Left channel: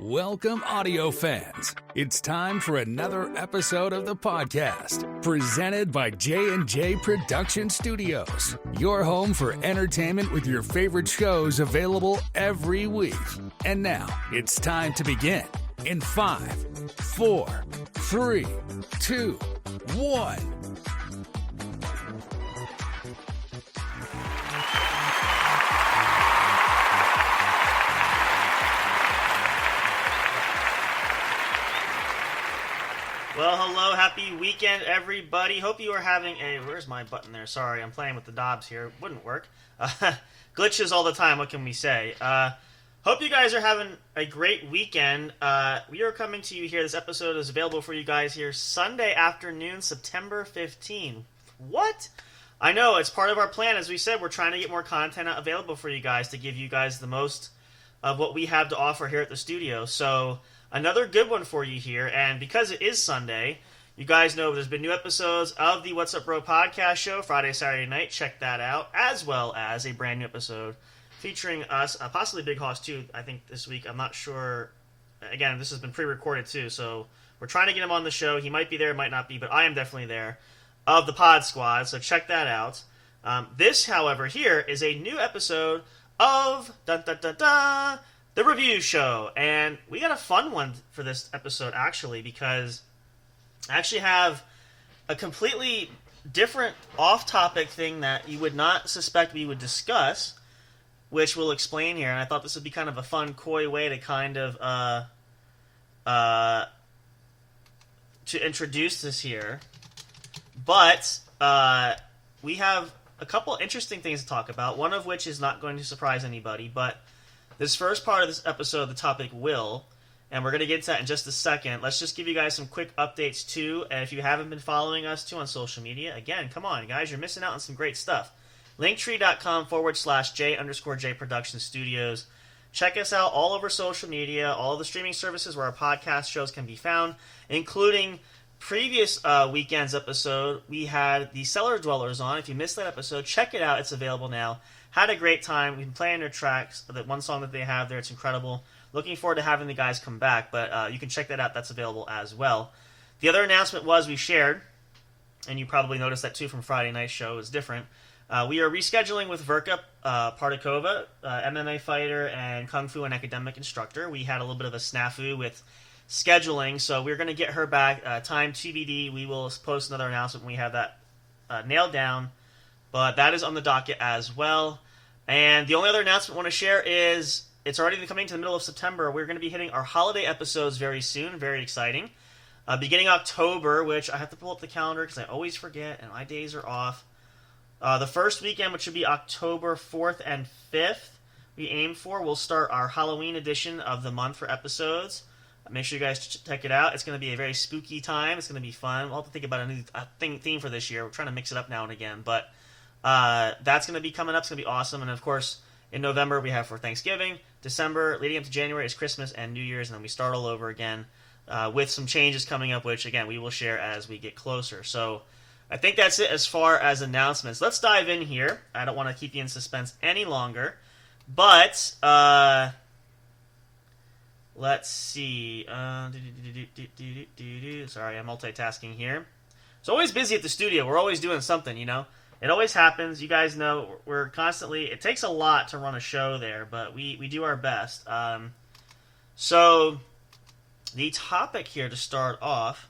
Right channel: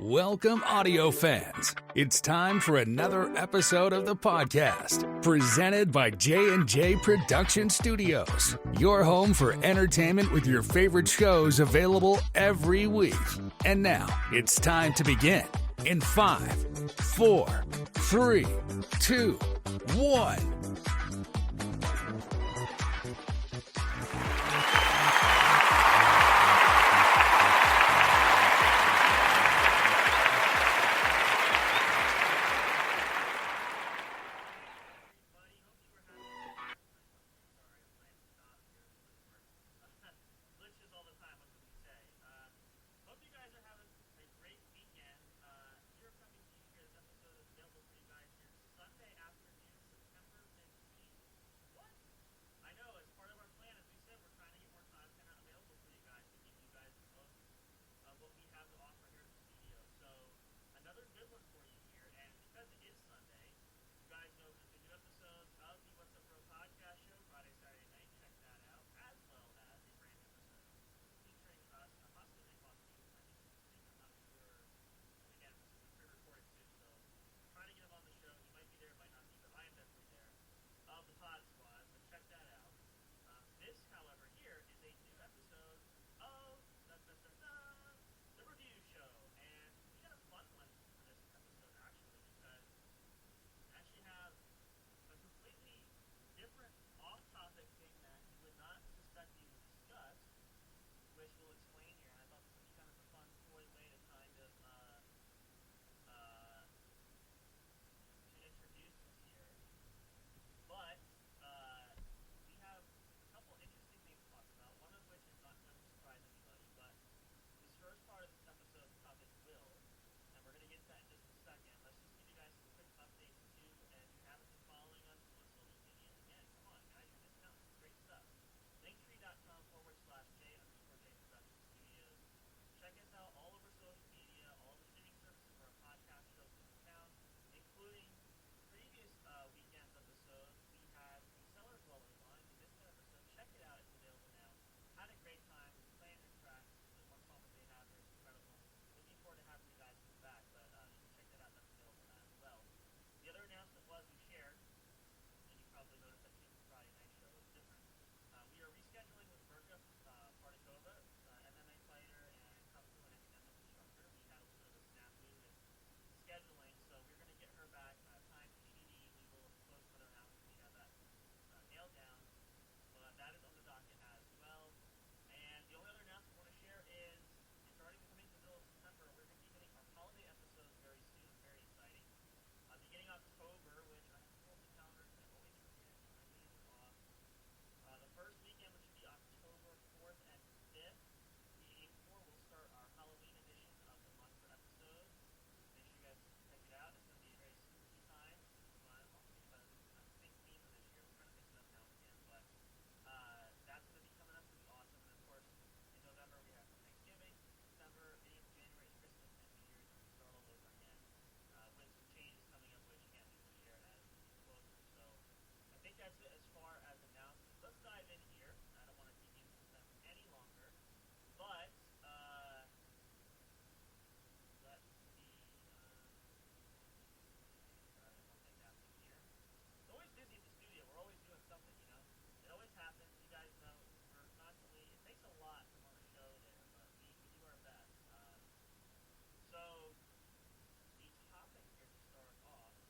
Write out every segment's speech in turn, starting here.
Welcome, audio fans. It's time for another episode of the podcast, presented by J&J Production Studios, your home for entertainment with your favorite shows available every week. And now, it's time to begin in 5, 4, 3, 2, 1. Well, hello, happy weekend, everybody. Hope you are having a... Where's my button there? Sorry, I'm playing with the knobs here. Wouldn't work. Glitches all the time, what can we say? Hope you guys are having a great weekend. We are coming to you here. This episode is available for you guys here Sunday afternoon, September 15. What? I know, it's part of our plan. As we said, we're trying to get more content available for you guys to give you guys the most of what we have to offer here at the studio. So... another good one for you here, and because it is Sunday, you guys know there's been new episodes of the What's Up Bro podcast show, Friday, Saturday night. Check that out, as well as a brand new episode featuring us, possibly Big Hoss too, I think this week. I'm not sure. Again, this has been pre-recorded too, so we're trying to get him on the show. He might be there, might not be, but I am definitely there, of the Pod Squad, so check that out. This, however, here is a new episode of the review show, and we got a fun one for this episode, actually, because I actually have a completely different off-topic thing that you would not suspect we would discuss, which we'll explain here, and I thought this would be kind of a fun, coy way to kind of, to introduce this here, but, we have a couple interesting things to talk about, one of which is not going to surprise anybody, but this first part of this episode, the topic will, and we're going to get to that in just a second. Let's just give you guys some quick updates, too. And if you haven't been following us, too, on social media, again, come on, guys, you're missing out on some great stuff. Linktree.com/J_J Production Studios. Check us out all over social media, all of the streaming services where our podcast shows can be found, including previous weekend's episode. We had the Cellar Dwellers on. If you missed that episode, check it out. It's available now. Had a great time. We've been playing their tracks. That one song that they have there, it's incredible. Looking forward to having the guys come back, but you can check that out. That's available as well. The other announcement was we shared, and you probably noticed that too from Friday night's show. It was different. We are rescheduling with Verka Partakova, MMA fighter and Kung Fu and academic instructor. We had a little bit of a snafu with scheduling, so we're going to get her back. Time TBD. We will post another announcement when we have that nailed down. But that is on the docket as well. And the only other announcement I want to share is it's already coming to the middle of September. We're going to be hitting our holiday episodes very soon. Very exciting. Beginning October, which I have to pull up the calendar because I always forget and my days are off. The first weekend, which would be October 4th and 5th, we aim for. We'll start our Halloween edition of the month for episodes. Make sure you guys check it out. It's going to be a very spooky time. It's going to be fun. We'll have to think about a new theme for this year. We're trying to mix it up now and again, but... that's going to be coming up. It's going to be awesome. And, of course, in November, we have for Thanksgiving. December, leading up to January, is Christmas and New Year's. And then we start all over again with some changes coming up, which, again, we will share as we get closer. So I think that's it as far as announcements. Let's dive in here. I don't want to keep you in suspense any longer. But let's see. Sorry, I'm multitasking here. It's always busy at the studio. We're always doing something, you know. It always happens. You guys know we're constantly... It takes a lot to run a show there, but we do our best. So, the topic here to start off...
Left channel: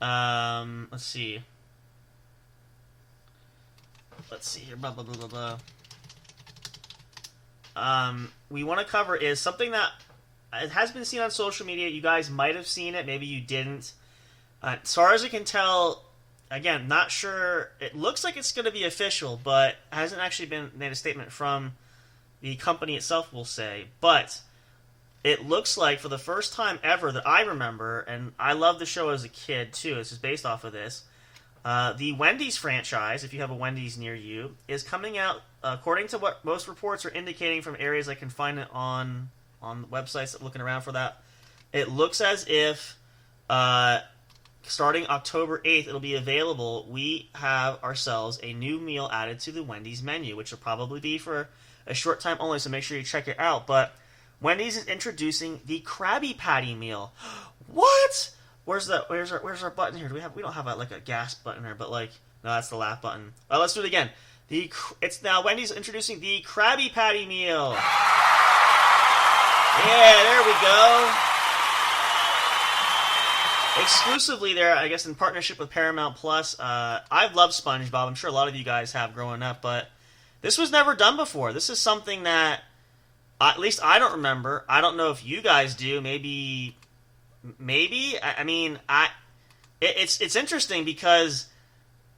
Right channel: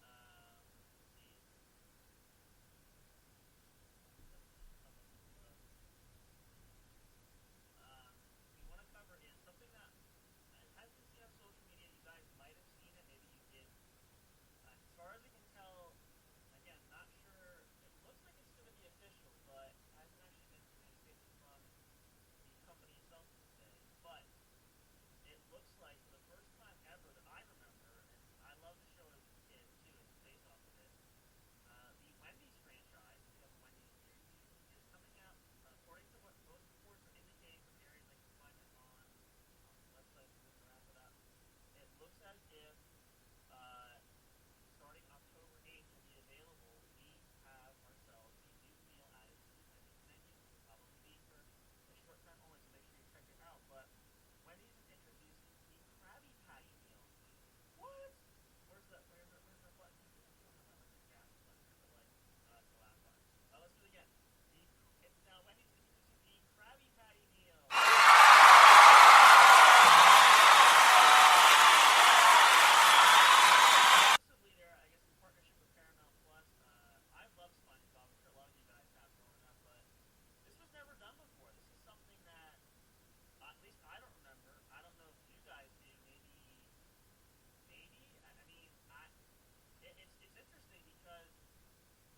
let's see. Let's see here. Blah, blah, blah, blah, blah. We want to cover is something that... It has been seen on social media. You guys might have seen it. Maybe you didn't. As far as I can tell... Again, not sure. It looks like it's going to be official, but hasn't actually been made a statement from the company itself, we'll say. But it looks like for the first time ever that I remember, and I loved the show as a kid too, this is based off of this, the Wendy's franchise, if you have a Wendy's near you, is coming out, according to what most reports are indicating from areas I can find it on websites looking around for that. It looks as if... starting October 8th, it'll be available. We have ourselves a new meal added to the Wendy's menu, which will probably be for a short time only, so make sure you check it out. But Wendy's is introducing the Krabby Patty meal. What? Where's our button here? We don't have a gas button here, but no, that's the laugh button. Let's do it again. It's now Wendy's introducing the Krabby Patty meal. Yeah, there we go. Exclusively there, I guess, in partnership with Paramount Plus. I've loved SpongeBob. I'm sure a lot of you guys have growing up, but this was never done before. This is something that, at least I don't remember. I don't know if you guys do. Maybe. I mean, it's interesting because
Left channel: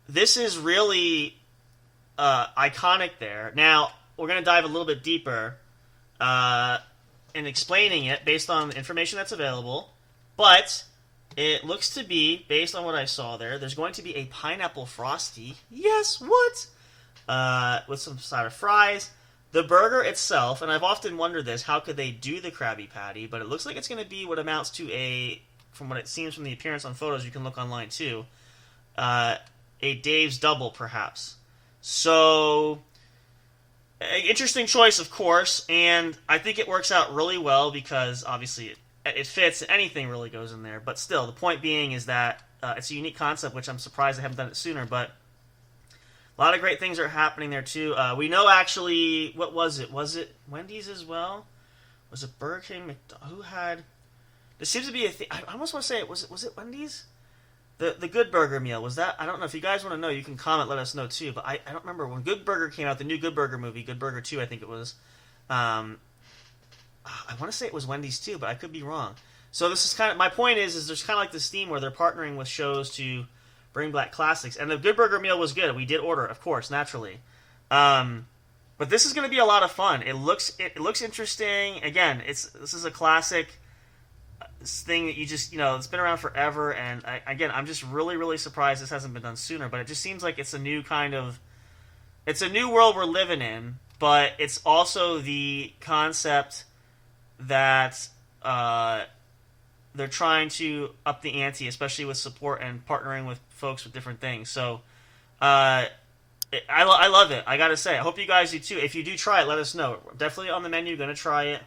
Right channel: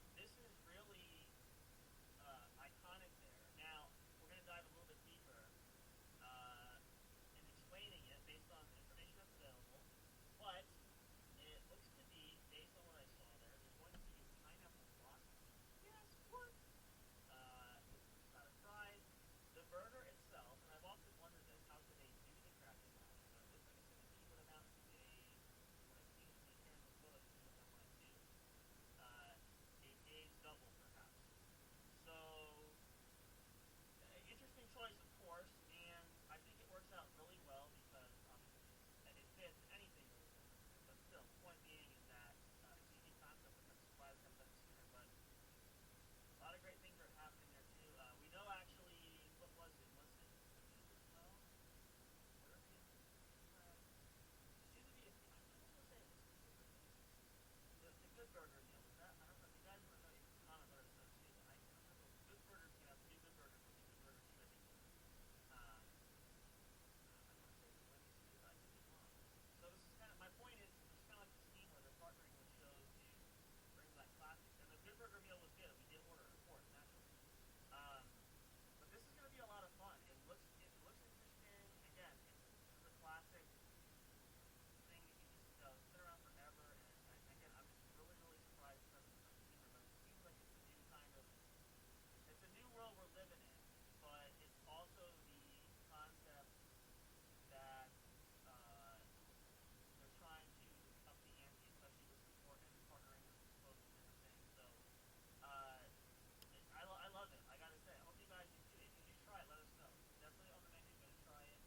this is really iconic there. Now, we're going to dive a little bit deeper in explaining it based on the information that's available, but it looks to be, based on what I saw there's going to be a pineapple frosty. Yes, what? With some side of fries. The burger itself, and I've often wondered this, how could they do the Krabby Patty? But it looks like it's going to be what amounts to from what it seems from the appearance on photos, you can look online too, a Dave's Double, perhaps. So, interesting choice, of course, and I think it works out really well because, obviously, it fits. Anything really goes in there. But still, the point being is that it's a unique concept, which I'm surprised they haven't done it sooner. But a lot of great things are happening there, too. We know, actually, what was it? Was it Wendy's as well? Was it Burger King? Who had... There seems to be a thing... I almost want to say, was it Wendy's? The Good Burger meal, was that... I don't know. If you guys want to know, you can comment, let us know, too. But I don't remember. When Good Burger came out, the new Good Burger movie, Good Burger 2, I think it was... I want to say it was Wendy's too, but I could be wrong. So this is kind of... My point is there's kind of like this theme where they're partnering with shows to bring back classics. And the Good Burger meal was good. We did order, of course, naturally. But this is going to be a lot of fun. It looks interesting. Again, this is a classic thing that you just, it's been around forever. And I'm just really, really surprised this hasn't been done sooner. But it just seems like it's a new it's a new world we're living in. But it's also the concept that they're trying to up the ante, especially with support and partnering with folks with different things. So I love it. I gotta say, I hope you guys do too. If you do try it, let us know. Definitely on the menu, gonna try it,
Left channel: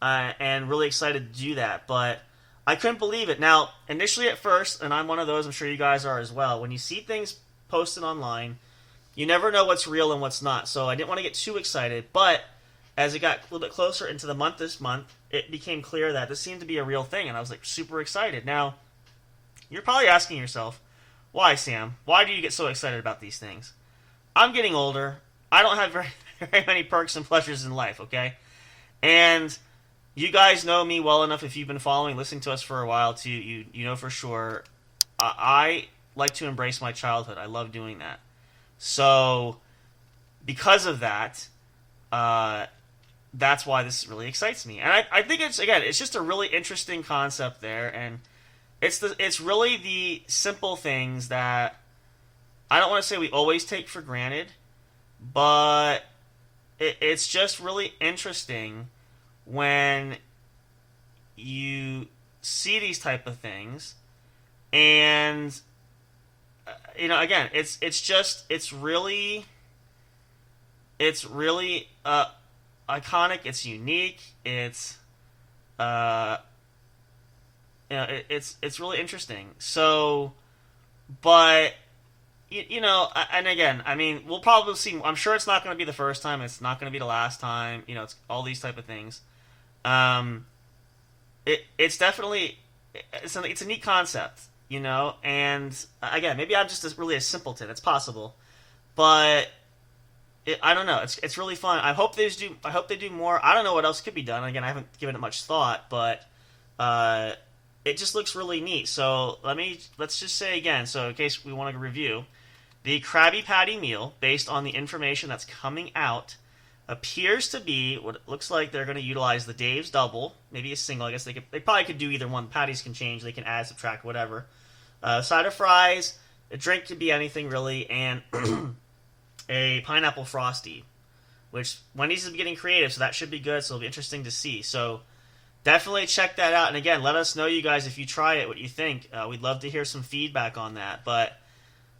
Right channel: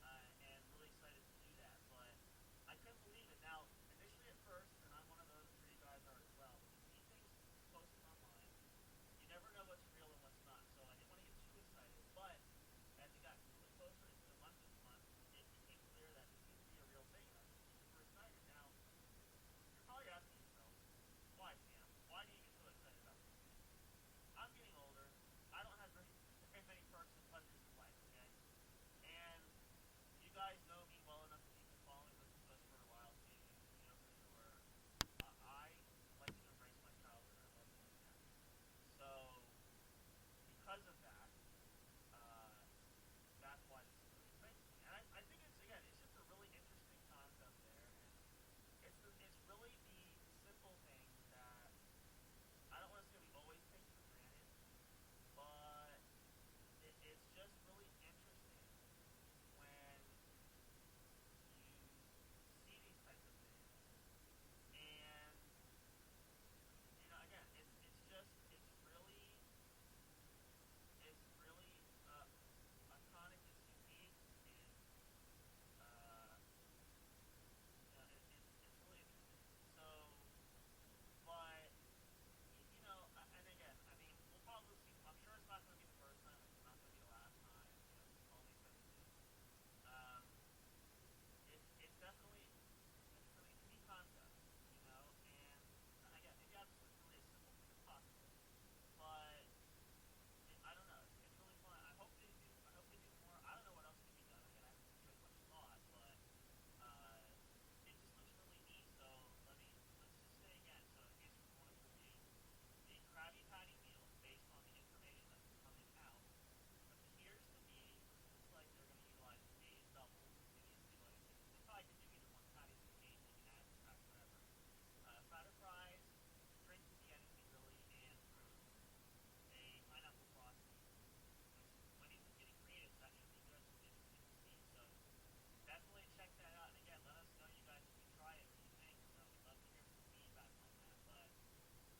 and really excited to do that. But I couldn't believe it. Now, initially at first, and I'm one of those, I'm sure you guys are as well, when you see things posted online, you never know what's real and what's not. So I didn't want to get too excited, but as it got a little bit closer into the month this month, it became clear that this seemed to be a real thing, and I was super excited. Now, you're probably asking yourself, why, Sam? Why do you get so excited about these things? I'm getting older. I don't have very many perks and pleasures in life, okay? And you guys know me well enough, if you've been following, listening to us for a while, too, you know for sure, I like to embrace my childhood. I love doing that. So, because of that, that's why this really excites me. And I think it's just a really interesting concept there, and it's really the simple things that I don't want to say we always take for granted, but it's just really interesting when you see these type of things, and again, it's really iconic. It's unique. It's it's really interesting. So, but and again, I mean, we'll probably see. I'm sure it's not going to be the first time. It's not going to be the last time. It's all these type of things. It's definitely it's a neat concept. And again, maybe I'm just really a simpleton. It's possible, but I don't know. It's really fun. I hope they do more. I don't know what else could be done. Again, I haven't given it much thought, but it just looks really neat. So let's just say again. So in case we want to review, the Krabby Patty meal, based on the information that's coming out, appears to be what it looks like. They're going to utilize the Dave's Double, maybe a single. I guess they probably could do either one. Patties can change. They can add, subtract, whatever. Side of fries. A drink could be anything really, and a pineapple frosty, which Wendy's is getting creative, so that should be good. So it'll be interesting to see. So definitely check that out. And again, let us know, you guys, if you try it, what you think. We'd love to hear some feedback on that. But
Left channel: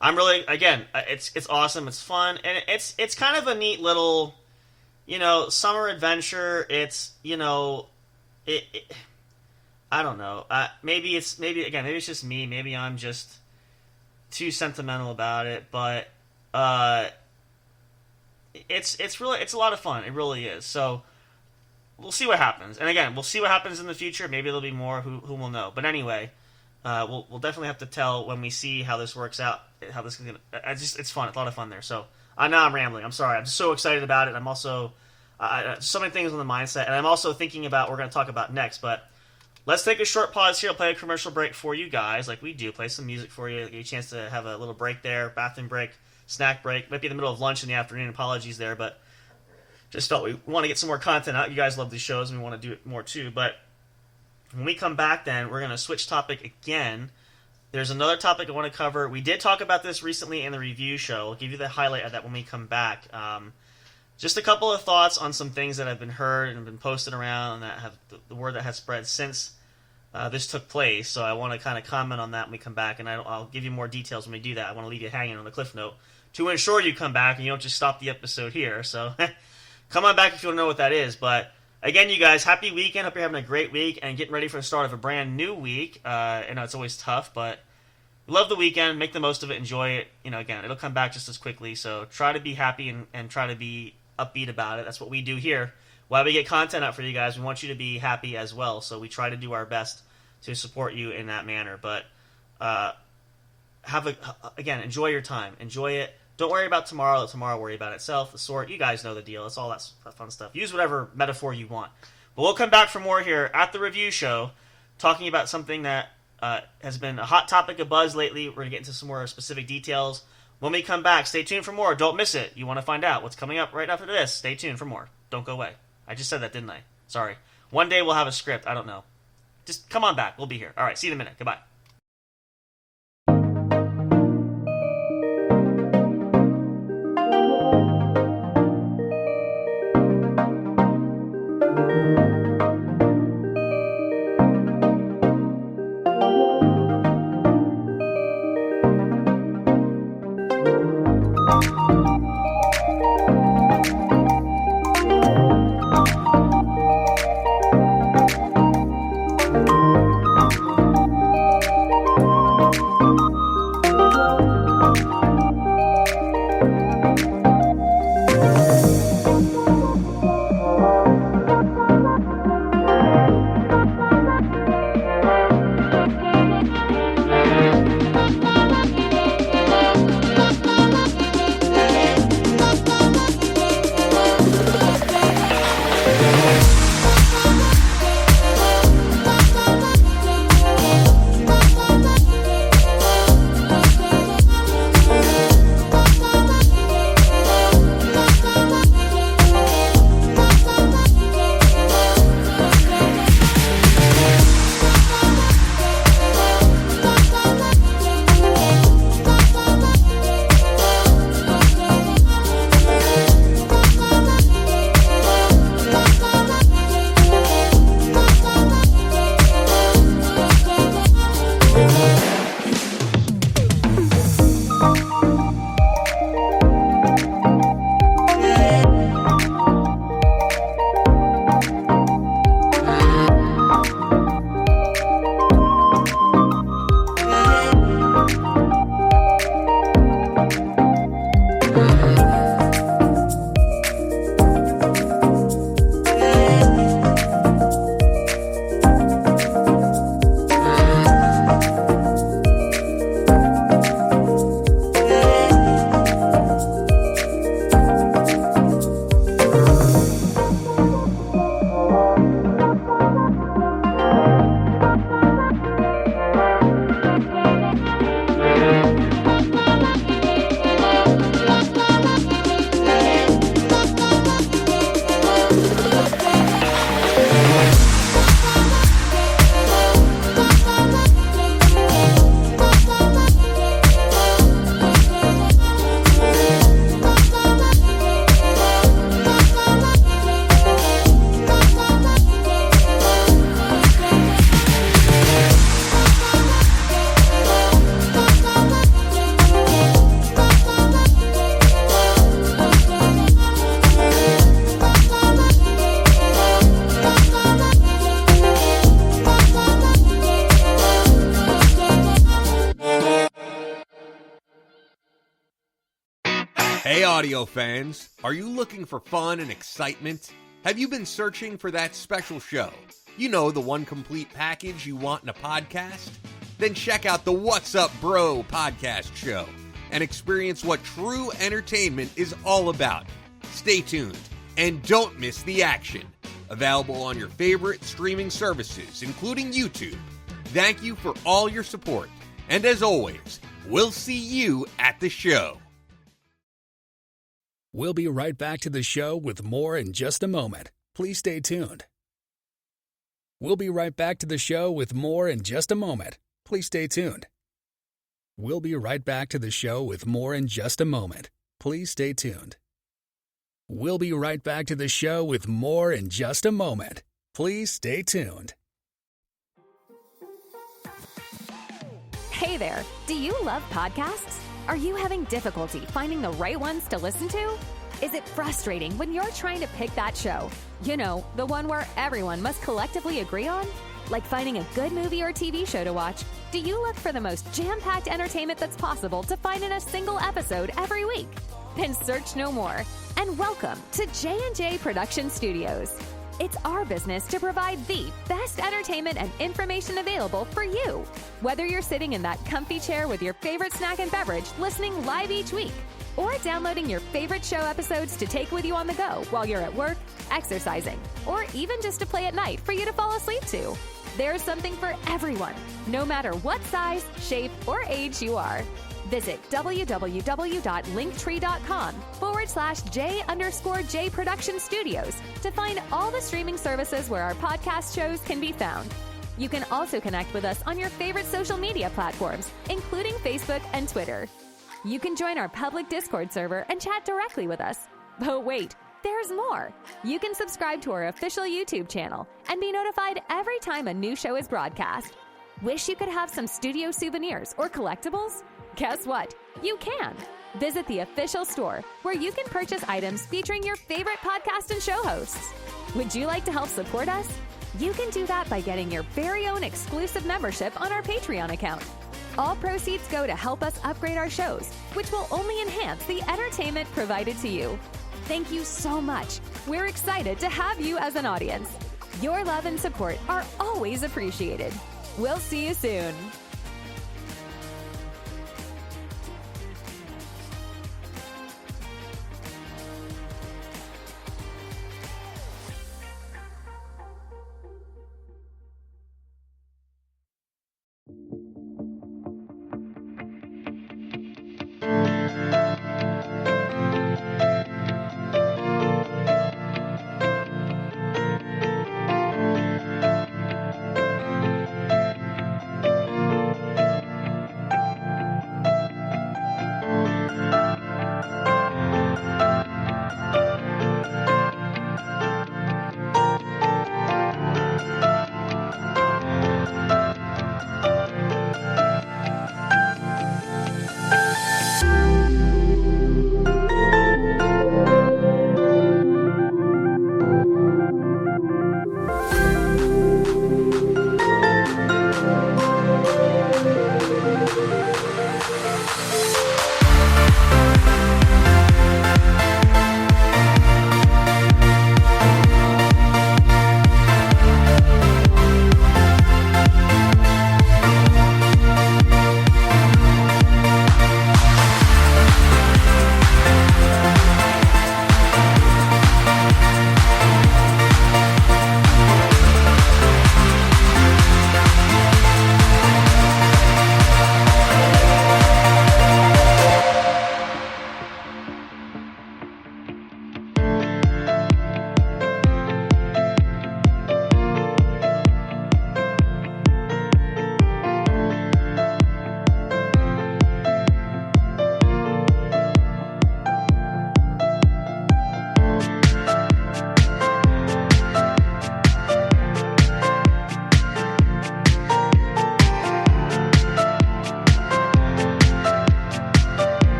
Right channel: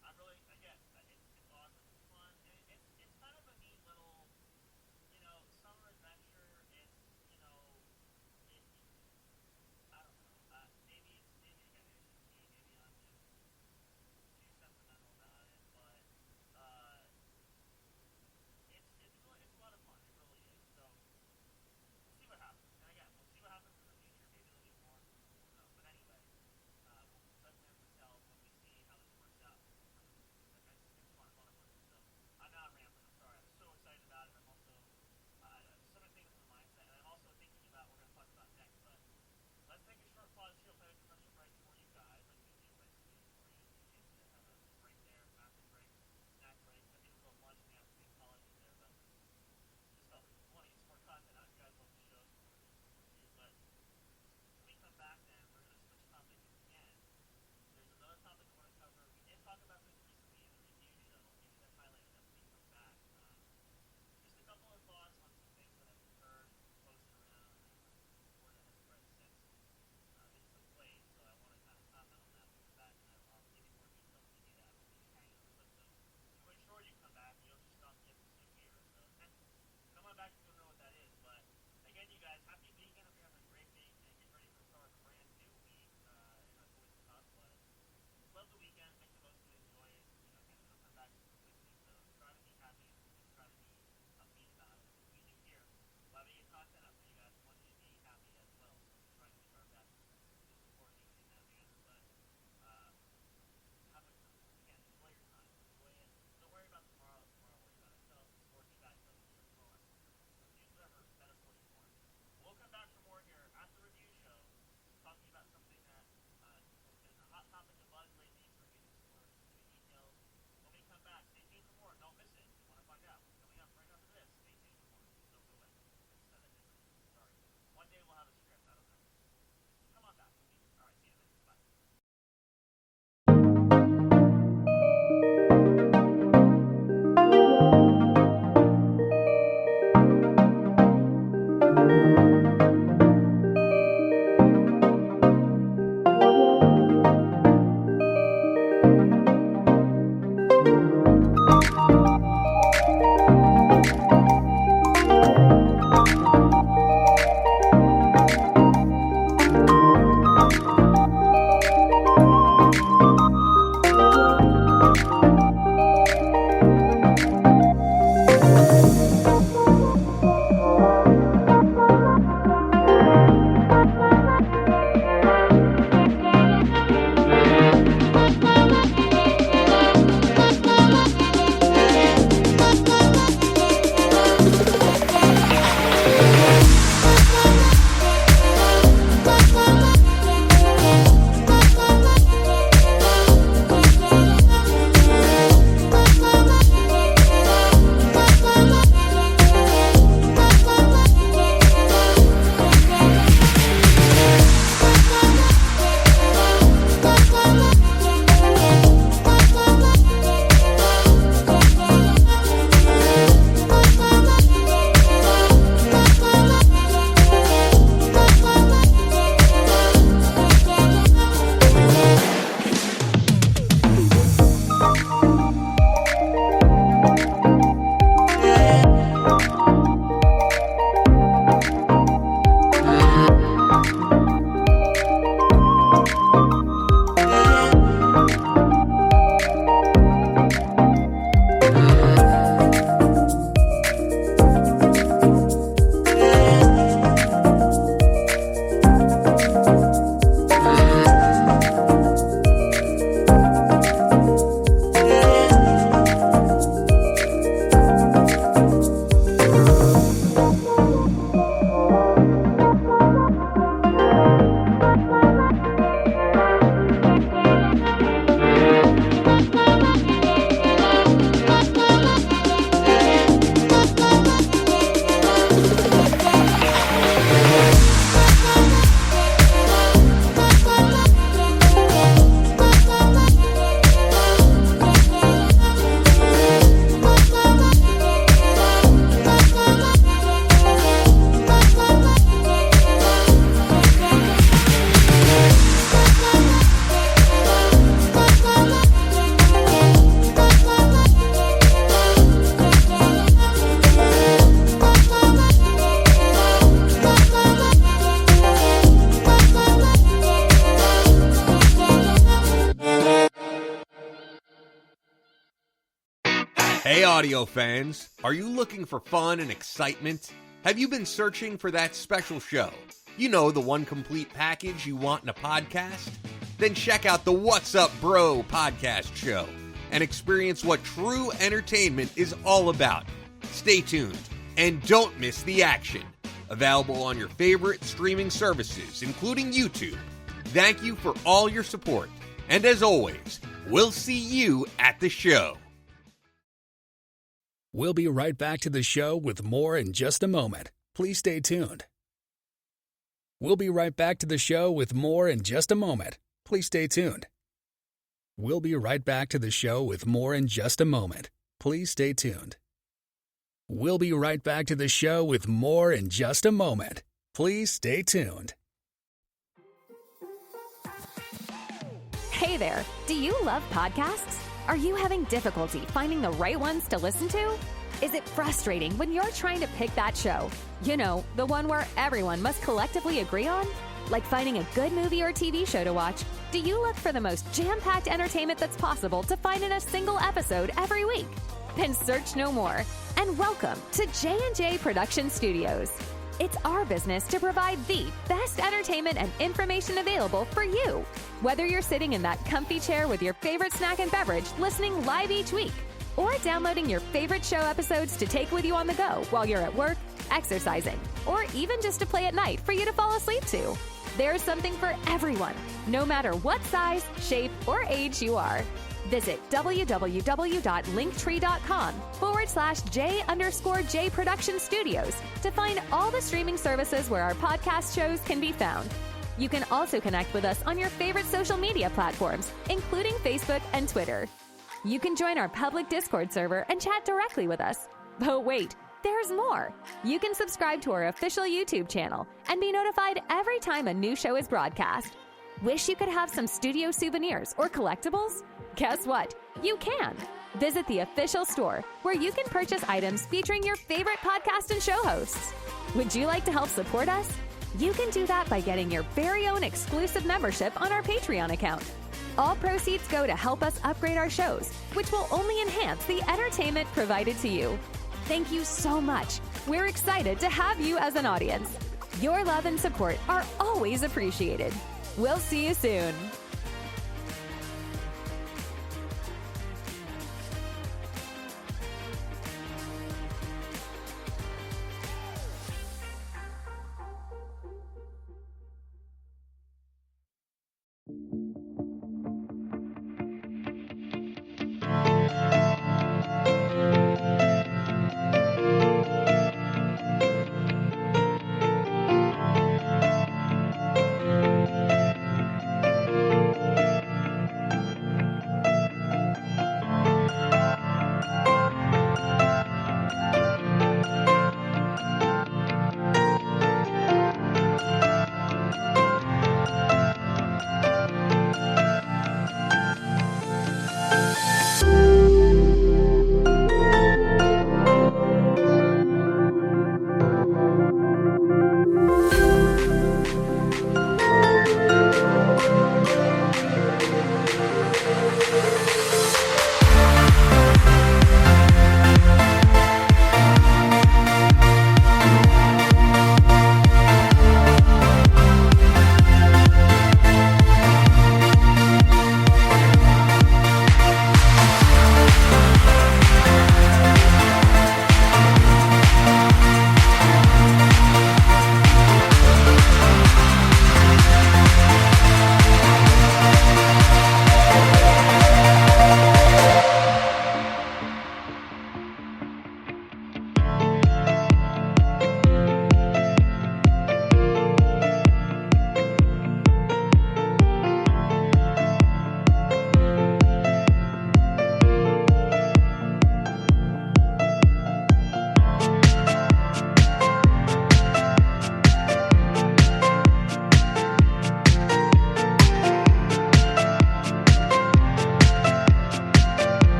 I'm really, again, it's awesome. It's fun, and it's kind of a neat little, Summer Adventure. It's it I don't know. Maybe it's just me. Maybe I'm just too sentimental about it, but it's a lot of fun. It really is. So we'll see what happens. And again, we'll see what happens in the future. Maybe there'll be more. Who will know? But anyway, we'll definitely have to tell when we see how this works out. How this is gonna. It's fun. It's a lot of fun there. So I know I'm rambling. I'm sorry. I'm just so excited about it. I'm also so many things on the mindset, and I'm also thinking about what we're going to talk about next. But let's take a short pause here. I'll play a commercial break for you guys, like we do. Play some music for you. Give you a chance to have a little break there, bathroom break, snack break. Might be in the middle of lunch in the afternoon. Apologies there, but just felt we want to get some more content out. You guys love these shows, and we want to do it more too. But when we come back, then we're going to switch topic again. There's another topic I want to cover. We did talk about this recently in the review show. I'll give you the highlight of that when we come back. Just a couple of thoughts on some things that have been heard and have been posted around, and that have the word that has spread since this took place. So I want to kind of comment on that when we come back, and I'll give you more details when we do that. I want to leave you hanging on the cliff note to ensure you come back and you don't just stop the episode here. So come on back if you don't know what that is. But again, you guys, happy weekend. Hope you're having a great week and getting ready for the start of a brand new week. I know it's always tough, but love the weekend. Make the most of it. Enjoy it. Again, it'll come back just as quickly. So try to be happy and try to be upbeat about it. That's what we do here. While we get content out for you guys, we want you to be happy as well. So we try to do our best to support you in that manner. But enjoy your time. Enjoy it. Don't worry about tomorrow. Let tomorrow worry about itself. The sort. You guys know the deal. It's all that fun stuff. Use whatever metaphor you want. But we'll come back for more here at the review show, talking about something that has been a hot topic of buzz lately. We're going to get into some more specific details. When we come back, stay tuned for more. Don't miss it. You want to find out what's coming up right after this. Stay tuned for more. Don't go away. I just said that, didn't I? Sorry. One day we'll have a script. I don't know. Just come on back. We'll be here. All right. See you in a minute. Goodbye. Hey audio fans, are you looking for fun and excitement? Have you been searching for that special show? You know, the one complete package you want in a podcast? Then check out the What's Up Bro podcast show and experience what true entertainment is all about. Stay tuned and don't miss the action. Available on your favorite streaming services, including YouTube. Thank you for all your support. And as always, we'll see you at the show. We'll be right back to the show with more in just a moment. Please stay tuned. We'll be right back to the show with more in just a moment. Please stay tuned. We'll be right back to the show with more in just a moment. Please stay tuned. We'll be right back to the show with more in just a moment. Please stay tuned. Hey there, do you love podcasts? Are you having difficulty finding the right ones to listen to? Is it frustrating when you're trying to pick that show? You know, the one where everyone must collectively agree on? Like finding a good movie or TV show to watch, do you look for the most jam-packed entertainment that's possible to find in a single episode every week? Then search no more, and welcome to J&J Production Studios. It's our business to provide the best entertainment and information available for you. Whether you're sitting in that comfy chair with your favorite snack and beverage listening live each week, or downloading your favorite show episodes to take with you on the go while you're at work, exercising, or even just to play at night for you to fall asleep to. There's something for everyone, no matter what size, shape, or age you are. Visit www.linktree.com/J_J Production Studios to find all the streaming services where our podcast shows can be found. You can also connect with us on your favorite social media platforms, including Facebook and Twitter. You can join our public Discord server and chat directly with us. But wait, there's more. You can subscribe to our official YouTube channel and be notified every time a new show is broadcast. Wish you could have some studio souvenirs or collectibles? Guess what? You can. Visit the official store where you can purchase items featuring your favorite podcast and show hosts. Would you like to help support us? You can do that by getting your very own exclusive membership on our Patreon account. All proceeds go to help us upgrade our shows, which will only enhance the entertainment provided to you. Thank you so much. We're excited to have you as an audience. Your love and support are always appreciated. We'll see you soon.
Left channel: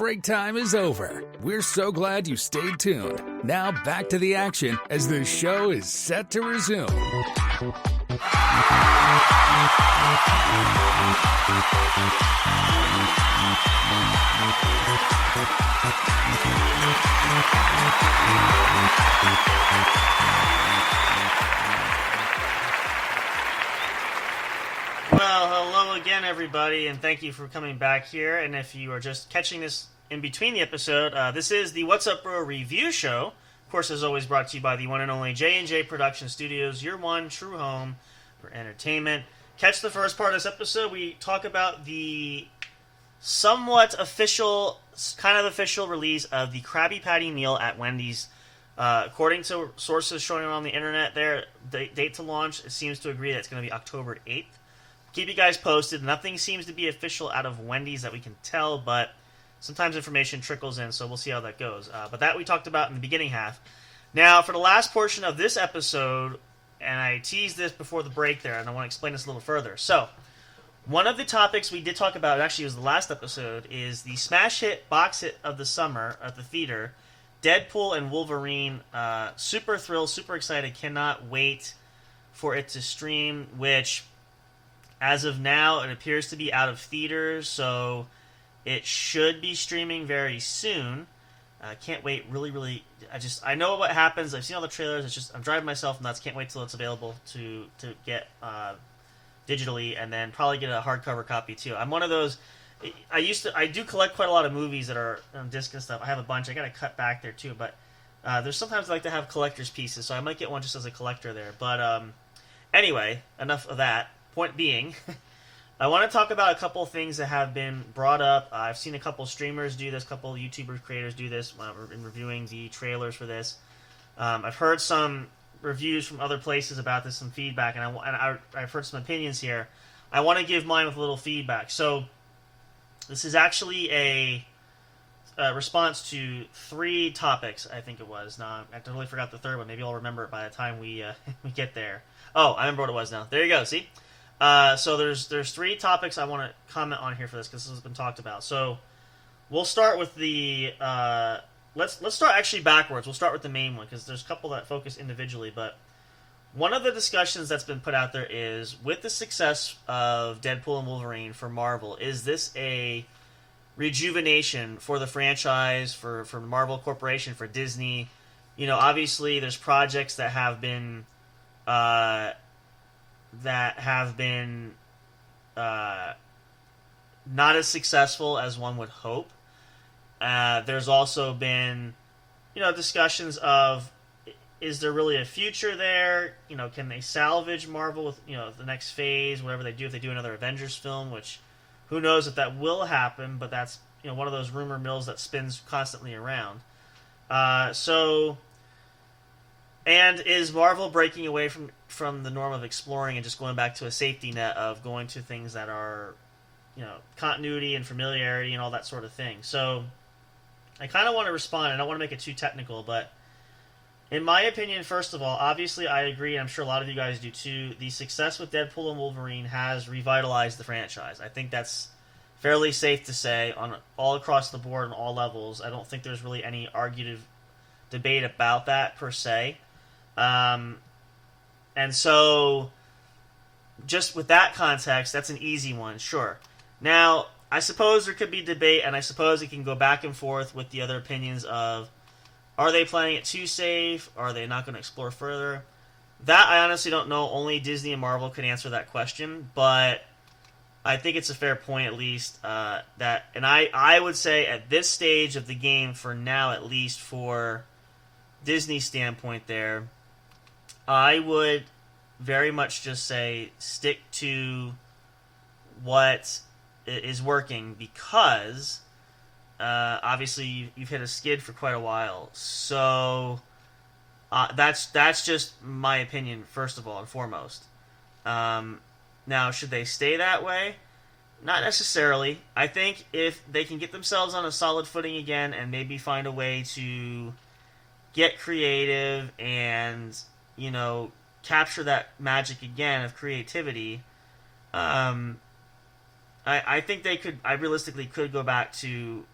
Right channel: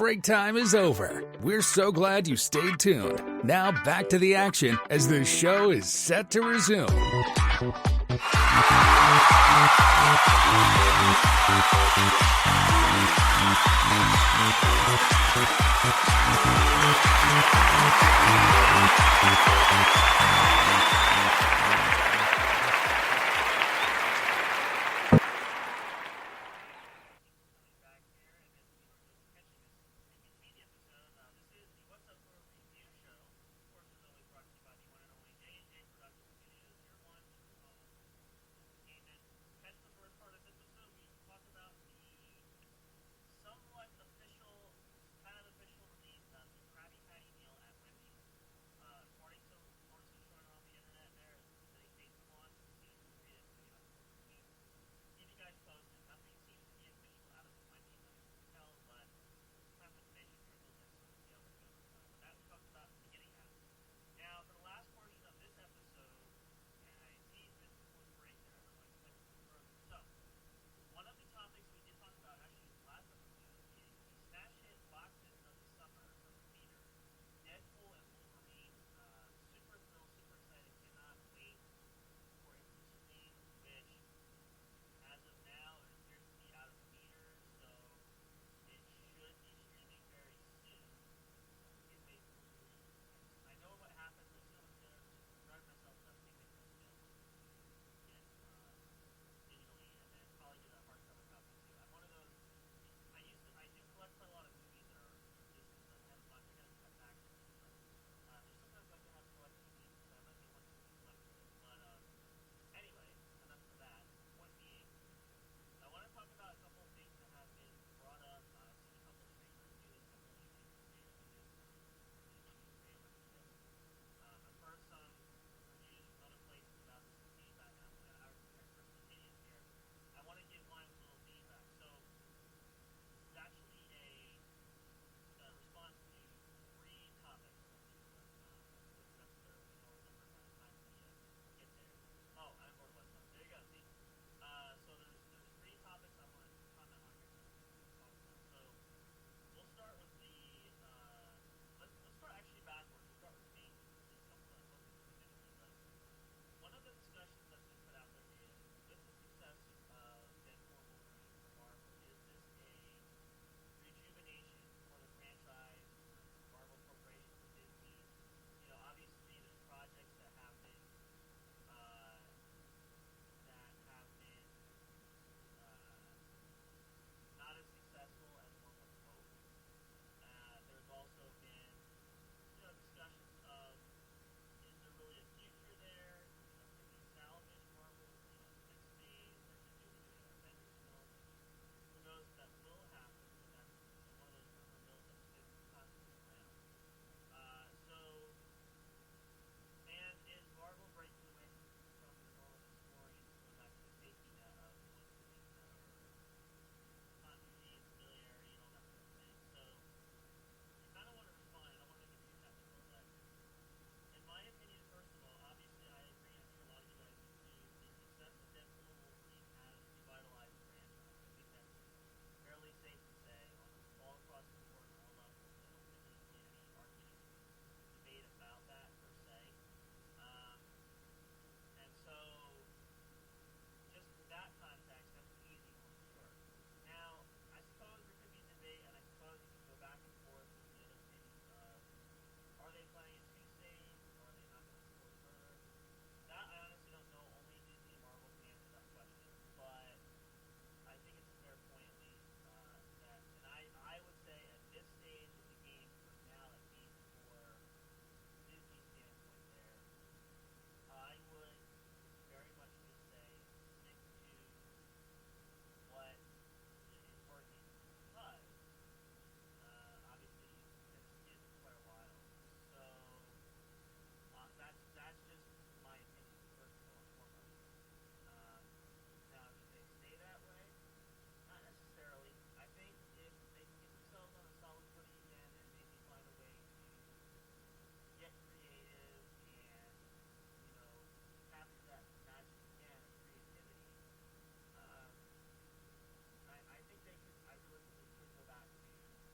Break time is over. We're so glad you stayed tuned. Now back to the action as the show is set to resume. Everybody, and thank you for coming back here. And if you are just catching this in between the episode, this is the What's Up Bro review show. Of course, as always, brought to you by the one and only J&J Production Studios, your one true home for entertainment. Catch the first part of this episode. We talk about the somewhat official, kind of official release of the Krabby Patty meal at Wendy's. According to sources showing on the internet, their date to launch, it seems to agree that it's going to be October 8th. Keep you guys posted. Nothing seems to be official out of Wendy's that we can tell, but sometimes information trickles in, so we'll see how that goes. But that we talked about in the beginning half. Now, for the last portion of this episode, and I teased this before the break there, and I want to explain this a little further. So, one of the topics we did talk about, actually it was the last episode, is the smash hit, box hit of the summer at the theater, Deadpool and Wolverine. Super thrilled, super excited, cannot wait for it to stream, which... as of now, it appears to be out of theaters, so it should be streaming very soon. Can't wait, really. I know what happens. I've seen all the trailers. It's just I'm driving myself nuts. Can't wait till it's available to get digitally, and then probably get a hardcover copy too. I'm one of those. I do collect quite a lot of movies that are on disc and stuff. I have a bunch. I got to cut back there too, but there's sometimes I like to have collector's pieces, so I might get one just as a collector there. But anyway, enough of that. Point being, I want to talk about a couple things that have been brought up. I've seen a couple streamers do this, a couple YouTuber creators do this in reviewing the trailers for this. I've heard some reviews from other places about this, some feedback, and I've heard some opinions here. I want to give mine with a little feedback. So, this is actually a response to 3 topics, I think it was. Now, I totally forgot the third one. Maybe I'll remember it by the time we get there. Oh, I remember what it was now. There you go, see? So there's 3 topics I want to comment on here for this, because this has been talked about. So we'll start with the let's start actually backwards. We'll start with the main one, because there's a couple that focus individually. But one of the discussions that's been put out there is, with the success of Deadpool and Wolverine for Marvel, is this a rejuvenation for the franchise, for Marvel Corporation, for Disney? You know, obviously there's projects that have been not as successful as one would hope. There's also been, discussions of, is there really a future there? Can they salvage Marvel with, the next phase, whatever they do, if they do another Avengers film, which who knows if that will happen, but that's, one of those rumor mills that spins constantly around. And is Marvel breaking away from the norm of exploring and just going back to a safety net of going to things that are, continuity and familiarity and all that sort of thing? So I kind of want to respond. I don't want to make it too technical, but in my opinion, first of all, obviously I agree, and I'm sure a lot of you guys do too, the success with Deadpool and Wolverine has revitalized the franchise. I think that's fairly safe to say on all across the board on all levels. I don't think there's really any argumentative debate about that per se. And so, just with that context, that's an easy one, sure. Now, I suppose there could be debate, and I suppose it can go back and forth with the other opinions of, are they playing it too safe? Are they not going to explore further? That I honestly don't know. Only Disney and Marvel could answer that question, but I think it's a fair point at least, and I would say at this stage of the game, for now at least, for Disney's standpoint there, I would very much just say stick to what is working, because obviously you've hit a skid for quite a while. So that's just my opinion, first of all and foremost. Now, should they stay that way? Not necessarily. I think if they can get themselves on a solid footing again and maybe find a way to get creative and, capture that magic again of creativity, I think they could. I realistically could go back to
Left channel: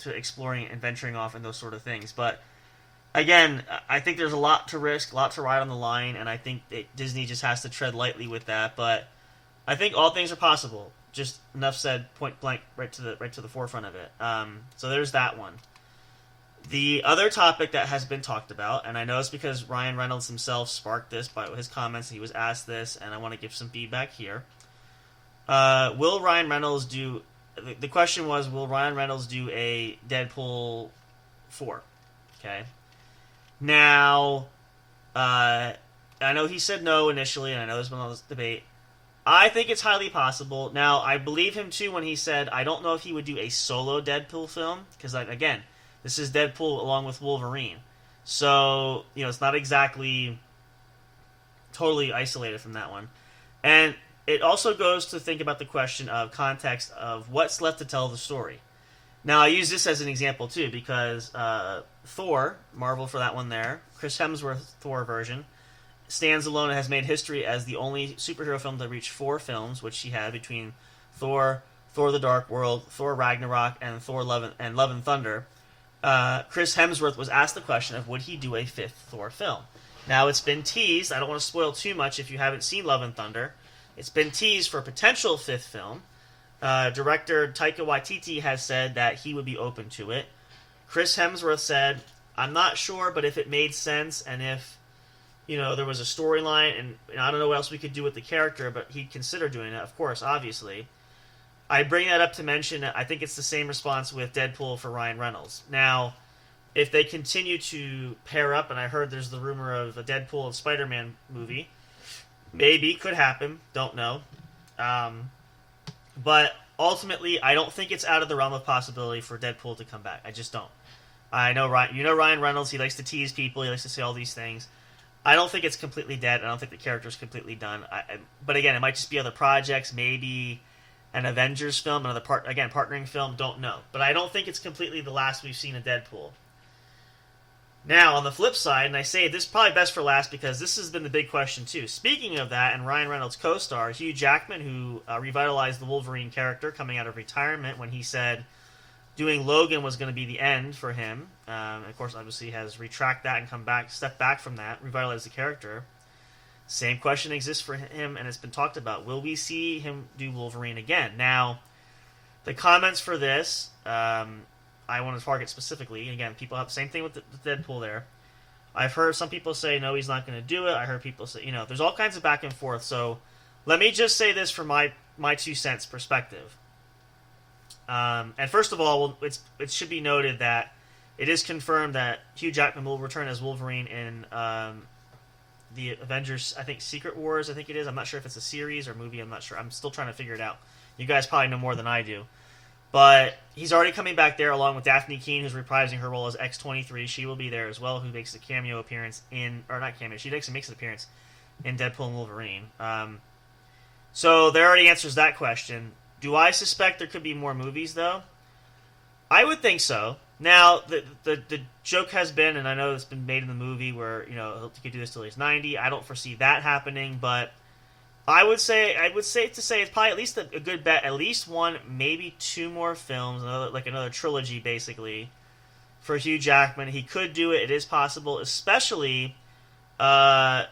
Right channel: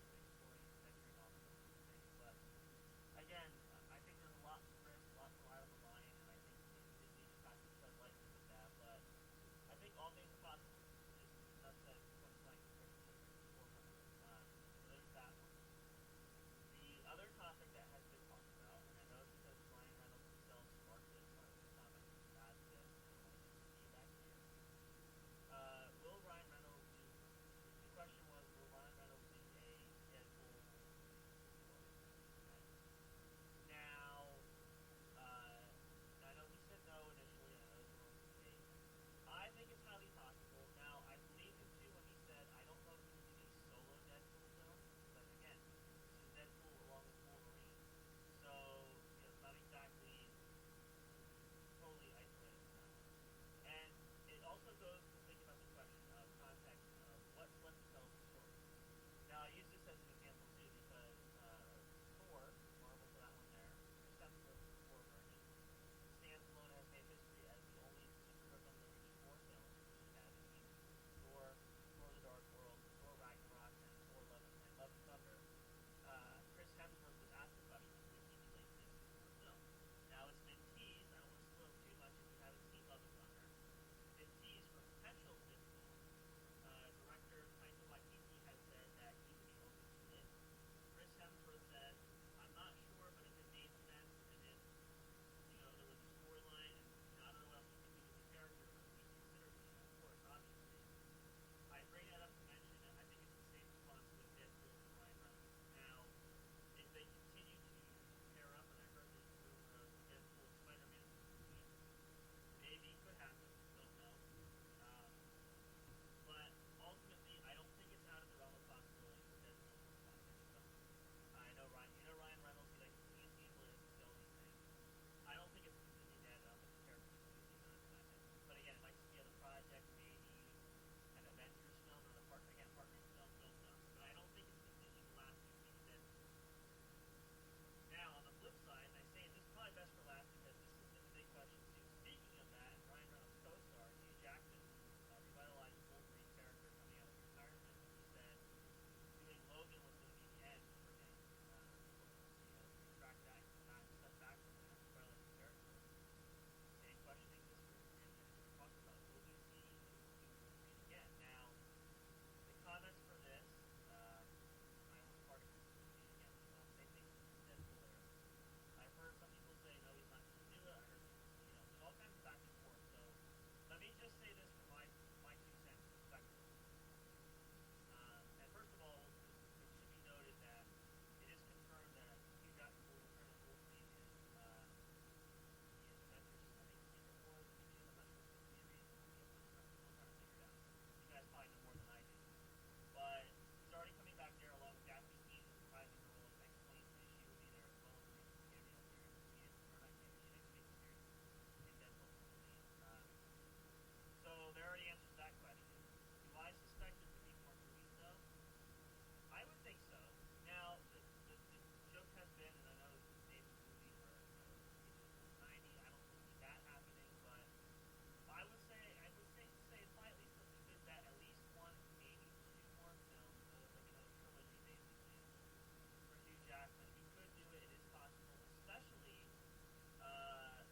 to exploring and venturing off and those sort of things. But again, I think there's a lot to risk, a lot to ride on the line, and I think Disney just has to tread lightly with that. But I think all things are possible. Just enough said, point blank, right to the forefront of it. So there's that one. The other topic that has been talked about, and I know it's because Ryan Reynolds himself sparked this by his comments. He was asked this, and I want to give some feedback here. Will Ryan Reynolds do... The question was, will Ryan Reynolds do a Deadpool 4? Okay. Now, I know he said no initially, and I know there's been all this debate. I think it's highly possible. Now, I believe him, too, when he said, I don't know if he would do a solo Deadpool film, because, again, this is Deadpool along with Wolverine. So, it's not exactly totally isolated from that one. And it also goes to think about the question of context of what's left to tell the story. Now, I use this as an example, too, because Thor, Marvel for that one there, Chris Hemsworth Thor version, stands alone and has made history as the only superhero film to reach 4 films, which he had between Thor, Thor the Dark World, Thor Ragnarok, and Thor Love and Thunder. Chris Hemsworth was asked the question of would he do a 5th Thor film. Now, it's been teased. I don't want to spoil too much if you haven't seen Love and Thunder. It's been teased for a potential 5th film. Director Taika Waititi has said that he would be open to it. Chris Hemsworth said, I'm not sure, but if it made sense and if there was a storyline and I don't know what else we could do with the character, but he'd consider doing it, of course, obviously. I bring that up to mention that I think it's the same response with Deadpool for Ryan Reynolds. Now, if they continue to pair up, and I heard there's the rumor of a Deadpool and Spider-Man movie, maybe, could happen, don't know. But ultimately, I don't think it's out of the realm of possibility for Deadpool to come back. I just don't. I know Ryan Reynolds, he likes to tease people, he likes to say all these things. I don't think it's completely dead. I don't think the character's completely done. But again, it might just be other projects, maybe an Avengers film, another partnering film, don't know. But I don't think it's completely the last we've seen of Deadpool. Now, on the flip side, and I say this is probably best for last because this has been the big question too. Speaking of that, and Ryan Reynolds' co-star, Hugh Jackman, who revitalized the Wolverine character coming out of retirement when he said doing Logan was going to be the end for him. Of course, obviously has retracted that and stepped back from that, revitalized the character. Same question exists for him, and it's been talked about. Will we see him do Wolverine again? Now, the comments for this, I want to target specifically. Again, people have the same thing with the Deadpool there. I've heard some people say, no, he's not going to do it. I heard people say, there's all kinds of back and forth. So let me just say this from my 2 cents perspective. And first of all, it should be noted that it is confirmed that Hugh Jackman will return as Wolverine in the Avengers, I think Secret Wars, I think it is. I'm not sure if it's a series or movie. I'm not sure. I'm still trying to figure it out. You guys probably know more than I do. But he's already coming back there along with Daphne Keane, who's reprising her role as X-23. She will be there as well, who makes a cameo appearance she makes an appearance in Deadpool and Wolverine. So there already answers that question. Do I suspect there could be more movies, though? I would think so. Now, the joke has been, and I know it's been made in the movie, where, he could do this till he's 90. I don't foresee that happening, but I would say it's probably at least a good bet, at least 1, maybe 2 more films, another trilogy, basically, for Hugh Jackman. He could do it. It is possible, especially the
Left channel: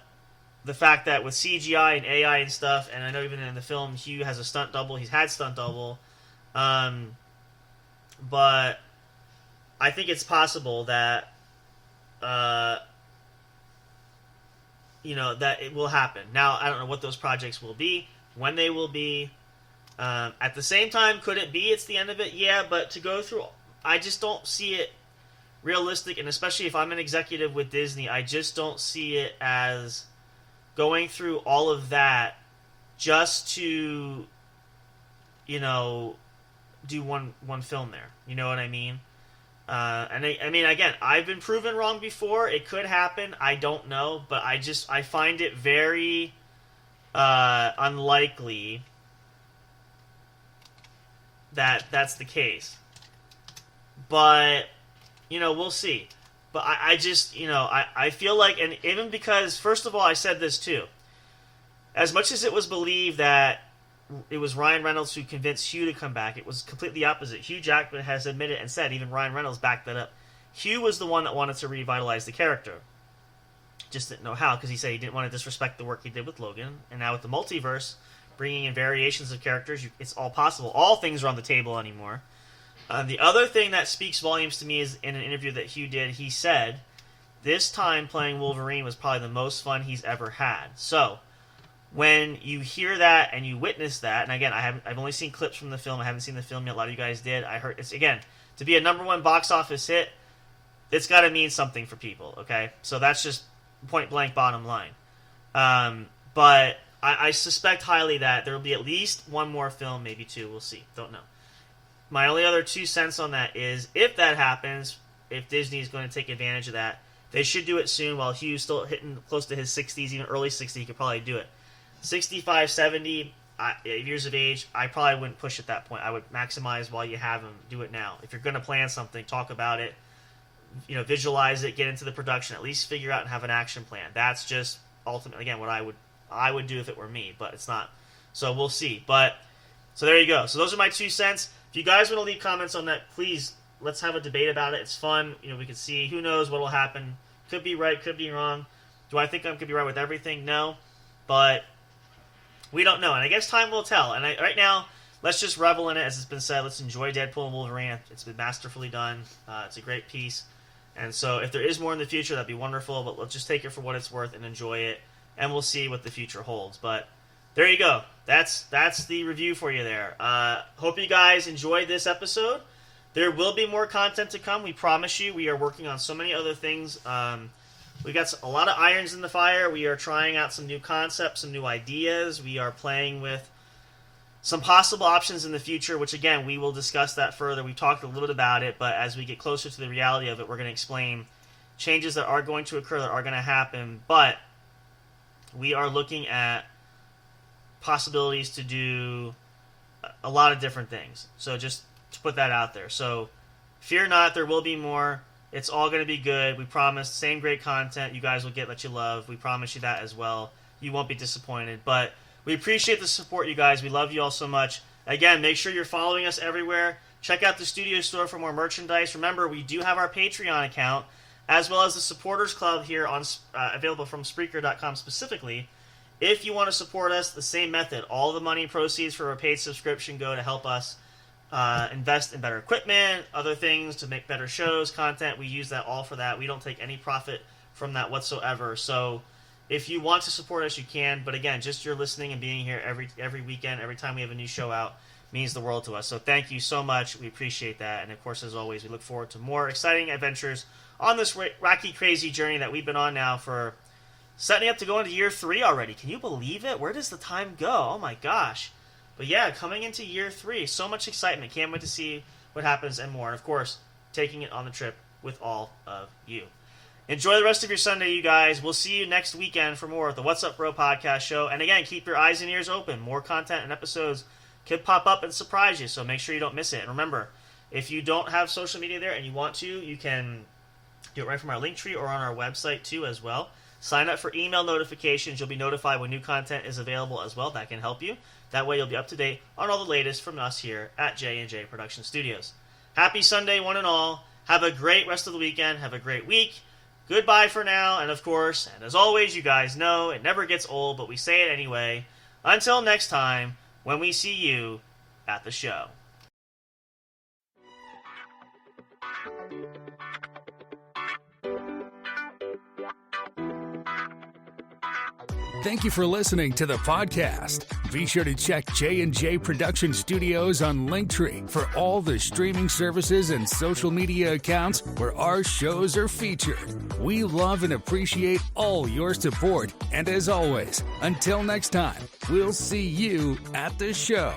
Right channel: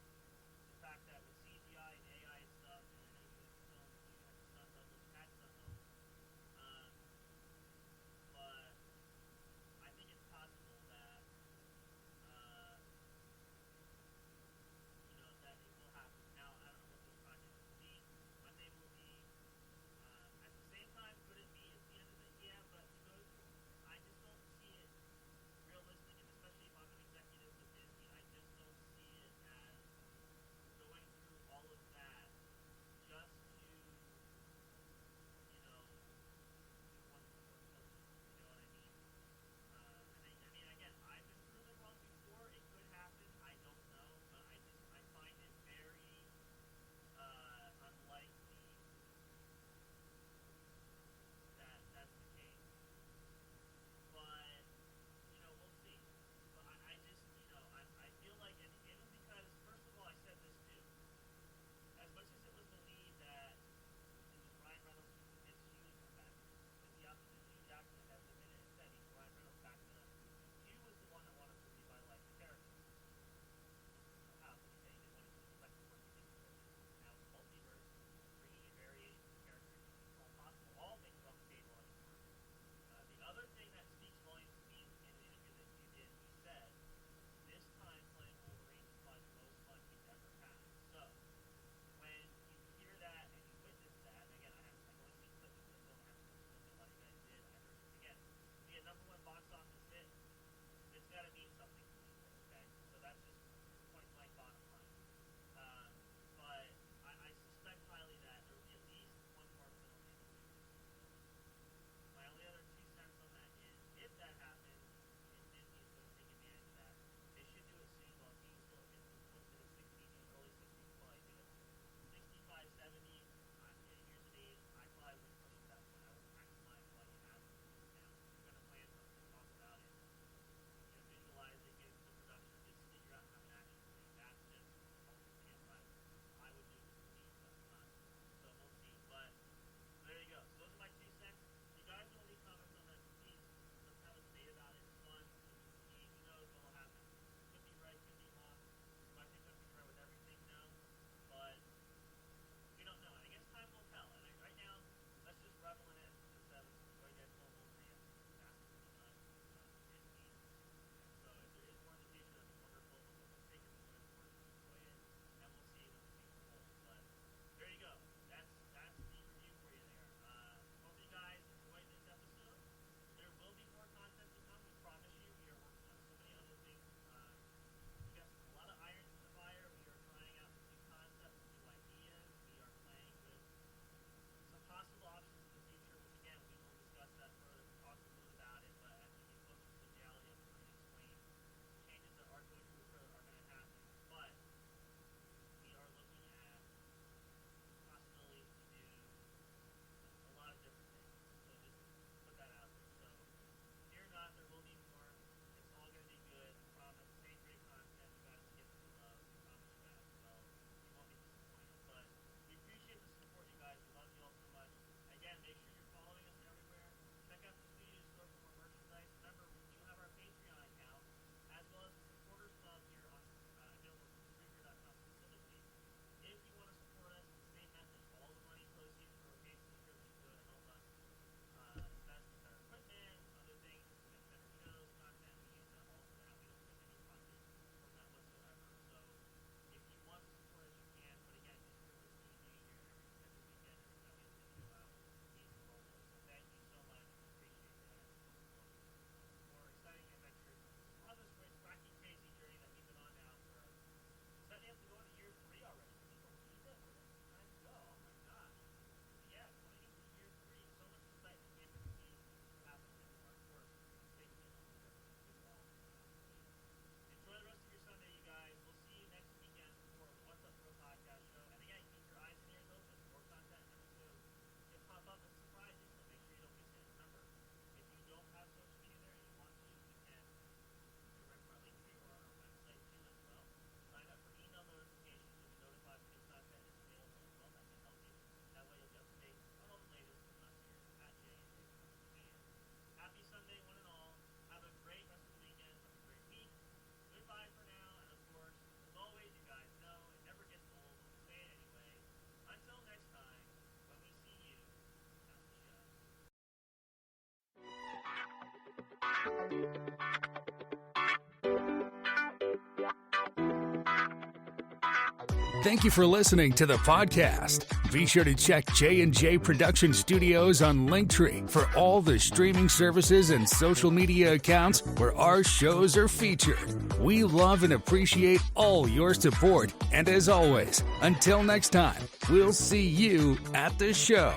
fact that with CGI and AI and stuff, and I know even in the film, Hugh has a stunt double. He's had stunt double. But I think it's possible that, that it will happen. Now, I don't know what those projects will be, when they will be. At the same time, could it be it's the end of it? Yeah, but to go through, I just don't see it realistic, and especially if I'm an executive with Disney, I just don't see it as going through all of that just to, do one film there. You know what I mean? And I mean, again, I've been proven wrong before. It could happen. I don't know, but I find it very unlikely that that's the case. But we'll see. But I just, I feel like, and even because, first of all, I said this too. As much as it was believed that it was Ryan Reynolds who convinced Hugh to come back. It was completely opposite. Hugh Jackman has admitted and said, even Ryan Reynolds backed that up. Hugh was the one that wanted to revitalize the character. Just didn't know how, because he said he didn't want to disrespect the work he did with Logan. And now with the multiverse, bringing in variations of characters, it's all possible. All things are on the table anymore. The other thing that speaks volumes to me is in an interview that Hugh did, he said, this time playing Wolverine was probably the most fun he's ever had. So, when you hear that and you witness that, and again, I've only seen clips from the film. I haven't seen the film yet. A lot of you guys did. I heard it's, again, to be a #1 box office hit, it's got to mean something for people. Okay, so that's just point blank bottom line. But I suspect highly that there will be at least one more film, maybe two. We'll see. Don't know. My only other 2 cents on that is, if that happens, if Disney is going to take advantage of that, they should do it soon while Hugh's still hitting close to his 60s, even early 60s. He could probably do it. 65, 70 years of age, I probably wouldn't push at that point. I would maximize while you have him. Do it now. If you're going to plan something, talk about it. Visualize it, get into the production, at least figure out and have an action plan. That's just ultimately, again, what I would do if it were me, but it's not. So we'll see. But so there you go. So those are my 2 cents. If you guys want to leave comments on that, please, let's have a debate about it. It's fun. We can see. Who knows what will happen. Could be right, could be wrong. Do I think I could be right with everything? No. But we don't know. And I guess time will tell. And right now, let's just revel in it, as it's been said. Let's enjoy Deadpool and Wolverine. It's been masterfully done. It's a great piece. And so if there is more in the future, that'd be wonderful. But let's just take it for what it's worth and enjoy it. And we'll see what the future holds. But there you go. That's the review for you there. Hope you guys enjoyed this episode. There will be more content to come. We promise you. We are working on so many other things. We got a lot of irons in the fire. We are trying out some new concepts, some new ideas. We are playing with some possible options in the future, which, again, we will discuss that further. We talked a little bit about it, but as we get closer to the reality of it, we're going to explain changes that are going to occur, that are going to happen. But we are looking at possibilities to do a lot of different things. So just to put that out there. So fear not, there will be more. It's all going to be good. We promise. Same great content you guys will get that you love. We promise you that as well. You won't be disappointed. But we appreciate the support, you guys. We love you all so much. Again, make sure you're following us everywhere. Check out the studio store for more merchandise. Remember, we do have our Patreon account, as well as the Supporters Club here on available from Spreaker.com specifically. If you want to support us, the same method. All the money proceeds for a paid subscription go to help us invest in better equipment, other things to make better shows, content. We use that all for that. We don't take any profit from that whatsoever. So if you want to support us, you can. But again, just your listening and being here every weekend, every time we have a new show out, means the world to us. So thank you so much. We appreciate that. And of course, as always, we look forward to more exciting adventures on this wacky, crazy journey that we've been on now for setting up to go into year 3 already. Can you believe it? Where does the time go? Oh my gosh. But yeah, coming into year 3, so much excitement. Can't wait to see what happens and more. And of course, taking it on the trip with all of you. Enjoy the rest of your Sunday, you guys. We'll see you next weekend for more of the What's Up Bro podcast show. And again, keep your eyes and ears open. More content and episodes could pop up and surprise you, so make sure you don't miss it. And remember, if you don't have social media there and you want to, you can do it right from our link tree or on our website too as well. Sign up for email notifications. You'll be notified when new content is available as well. That can help you. That way you'll be up to date on all the latest from us here at J&J Production Studios. Happy Sunday, one and all. Have a great rest of the weekend. Have a great week. Goodbye for now. And of course, and as always, you guys know it never gets old, but we say it anyway. Until next time, when we see you at the show. Thank you for listening to the podcast. Be sure to check J&J Production Studios on Linktree for all the streaming services and social media accounts where our shows are featured. We love and appreciate all your support. And as always, until next time, we'll see you at the show.